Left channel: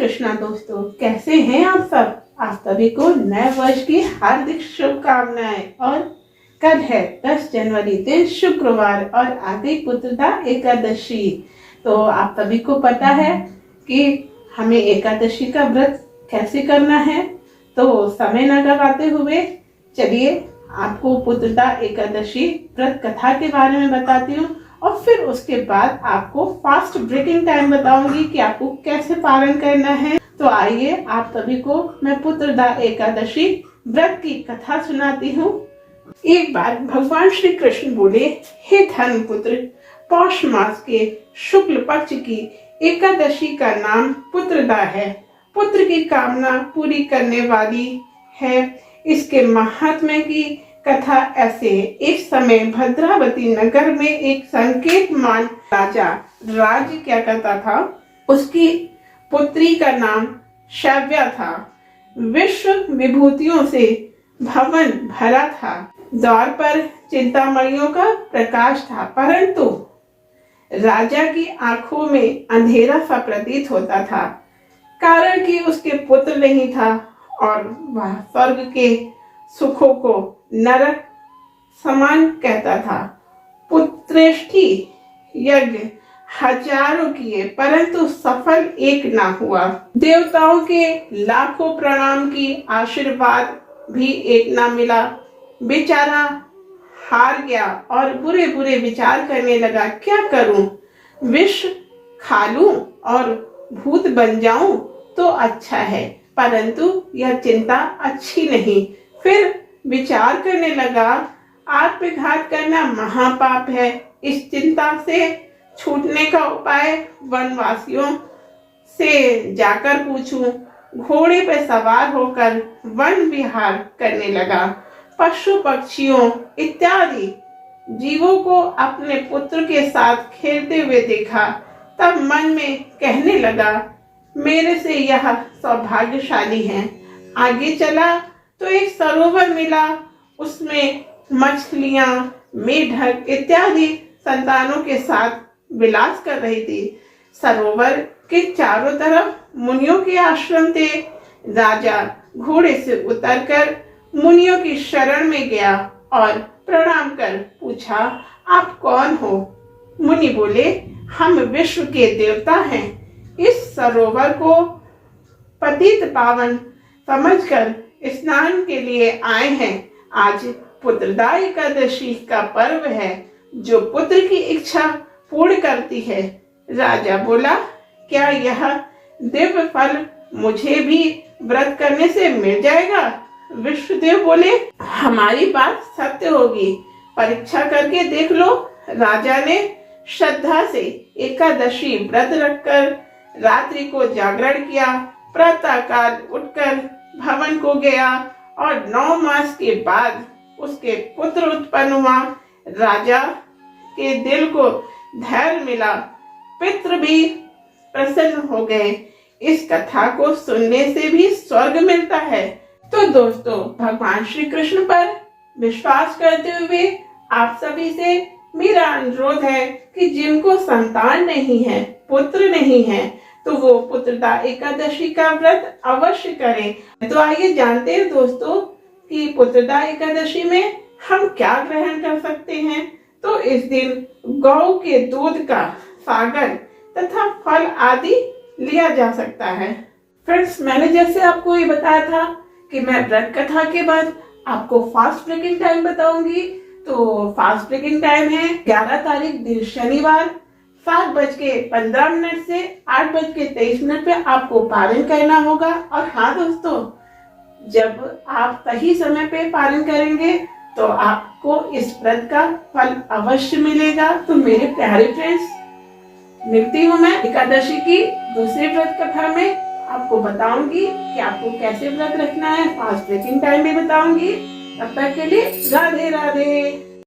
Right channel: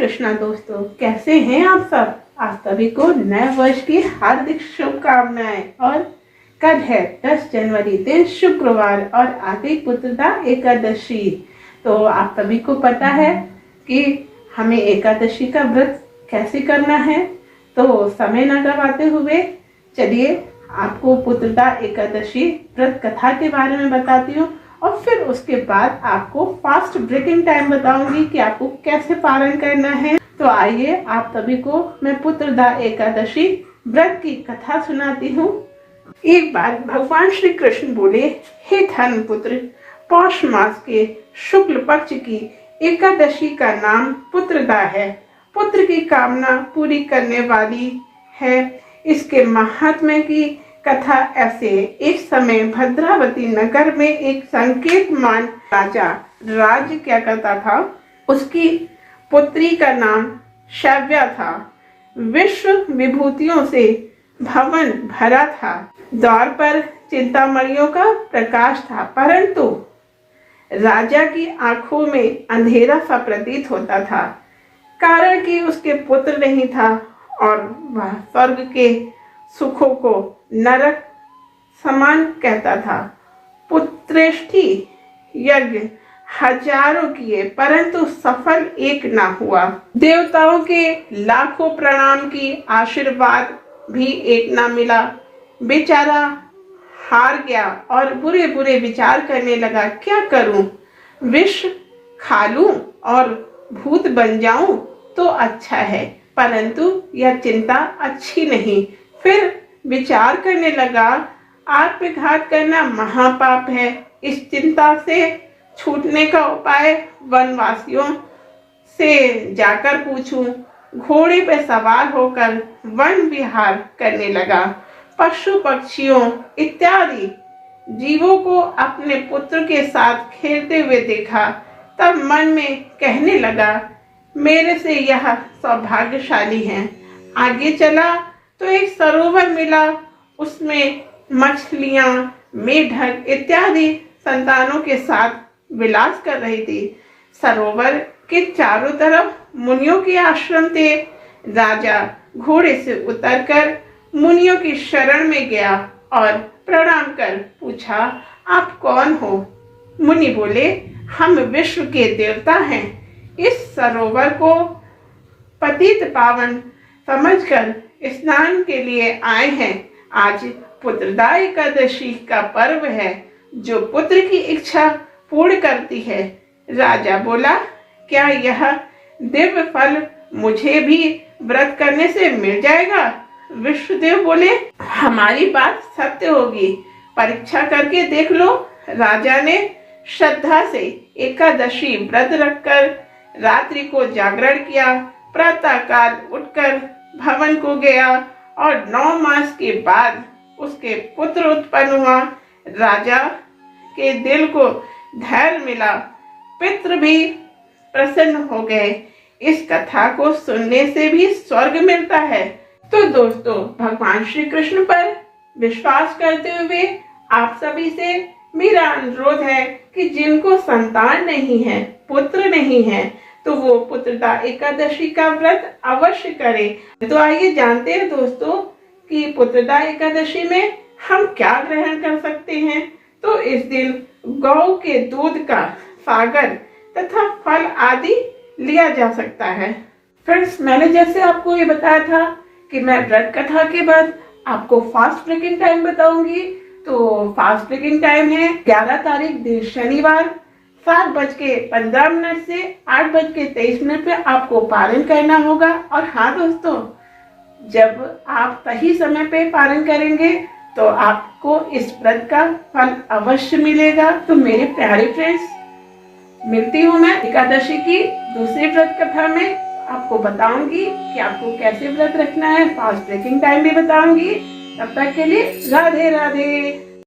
कृष्णा दोस्तों, कैसे हैं आप सब। आप सभी को नए वर्ष की हार्दिक शुभकामनाएं। और कल है 10 जनवरी, दिन शुक्रवार, और आ गई पुत्रदा एकादशी। तो आप सभी को पता है कि हमें एकादशी का व्रत कैसे करना है। तो समय न गवाते हुए चलिए आपको पुत्रदा एकादशी व्रत कथा के बारे में बताती हूँ, और फिर उसके बाद आपको फास्ट ब्रेकिंग टाइम बताऊंगी कि आपको कैसे पालन करना है। तो आइए आप सभी को मैं पुत्रदा एकादशी व्रत की कथा सुनाती हूँ। एक बार भगवान श्री कृष्ण बोले, हे धर्म पुत्र, पौष मास के शुक्ल पक्ष की एकादशी का नाम पुत्रदा है। पुत्र की कामना पूरी करने वाली है। इसके महात्म्य की कथा ऐसे। एक समय भद्रावती नगर में एक संकेतमान राजा राज्य क्या करता था। उसकी पुत्री का नाम शव्या था। विश्व विभूतियों से भवन भरा था। द्वार पर चिंतामणियों का प्रकाश था, परंतु राजा की आंखों में अंधेरा सा प्रतीत होता था, कारण कि उसके पुत्र नहीं था और वह स्वर्ग के सुखों को नरक समान कहता था। पुत्रेष्टि यज्ञ हजारों किए, परंतु सफल एक ना हुआ। देवताओं के लाखों प्रणाम की आशीर्वाद भी एक ना मिला। बेचारा हार गया और बुरे बुरे विचार करने लगा, क्या करूं, विष खा लूं और भूत बन जाऊं तो अच्छा है, परंतु यह चिंता अच्छी नहीं। फिर विचार करने लगा, आत्मघात करना महापाप है। इस चिंता से छूटने का उपाय वनवासियों से जाकर पूछूं। घोड़े पर सवार होकर वन विहार करने लगा। पशु पक्षियों इत्यादि जीवों को अपने पुत्र के साथ खेलते हुए देखा। तब मन में कहने लगा, मेरे से यह सौभाग्यशाली है। आगे चला तो एक सरोवर मिला। उसमें मछलियां, मेढक इत्यादि संतानों के साथ विलास कर रही थी। सरोवर के चारों तरफ मुनियों के आश्रम थे। राजा घोड़े से उतरकर मुनियों की शरण में गया और प्रणाम कर पूछा, आप कौन हो। मुनि बोले, हम विश्व के देवता हैं। इस सरोवर को पतित पावन समझकर स्नान के लिए आए हैं। आज पुत्रदा एकादशी का पर्व है, जो पुत्र की इच्छा पूर्ण करती है। राजा बोला, क्या यह दिव्य फल मुझे भी व्रत करने से मिल जाएगा। विश्वदेव बोले, हमारी बात सत्य होगी, परीक्षा करके देख लो। राजा ने श्रद्धा से एकादशी व्रत रखकर रात्रि को जागरण किया। प्रातःकाल उठकर भवन को गया और 9 मास के बाद उसके पुत्र उत्पन्न हुआ। राजा के दिल को धैर्य मिला, पितृ भी प्रसन्न हो गए। इस कथा को सुनने से भी स्वर्ग मिलता है। तो दोस्तों, भगवान श्री कृष्ण पर विश्वास करते हुए आप सभी से मेरा अनुरोध है कि जिनको संतान नहीं है, पुत्र नहीं है, तो वो पुत्रदा एकादशी का व्रत अवश्य करें। तो आइए जानते हैं दोस्तों कि पुत्रदा एकादशी में हम क्या ग्रहण कर सकते हैं। तो इस दिन गौ के दूध का सागर तथा फल आदि लिया जा सकता है। फ्रेंड्स, मैंने जैसे आपको ये बताया था कि मैं व्रत कथा के बाद आपको फास्ट ब्रेकिंग टाइम बताऊंगी। तो फास्ट ब्रेकिंग टाइम है 11 तारीख दिन शनिवार 7:15 से 8:23 पे आपको पालन करना होगा। और हाँ दोस्तों, जब आप सही समय पे पालन करेंगे तो आपको इस व्रत का फल अवश्य मिलेगा। तो मेरे प्यारे फ्रेंड्स, मिलती हूँ मैं एकादशी की दूसरी व्रत कथा में। आपको बताऊंगी कि आपको कैसे व्रत रखना है, फास्ट ब्रेकिंग टाइम भी बताऊंगी। तब तक के लिए राधे राधे।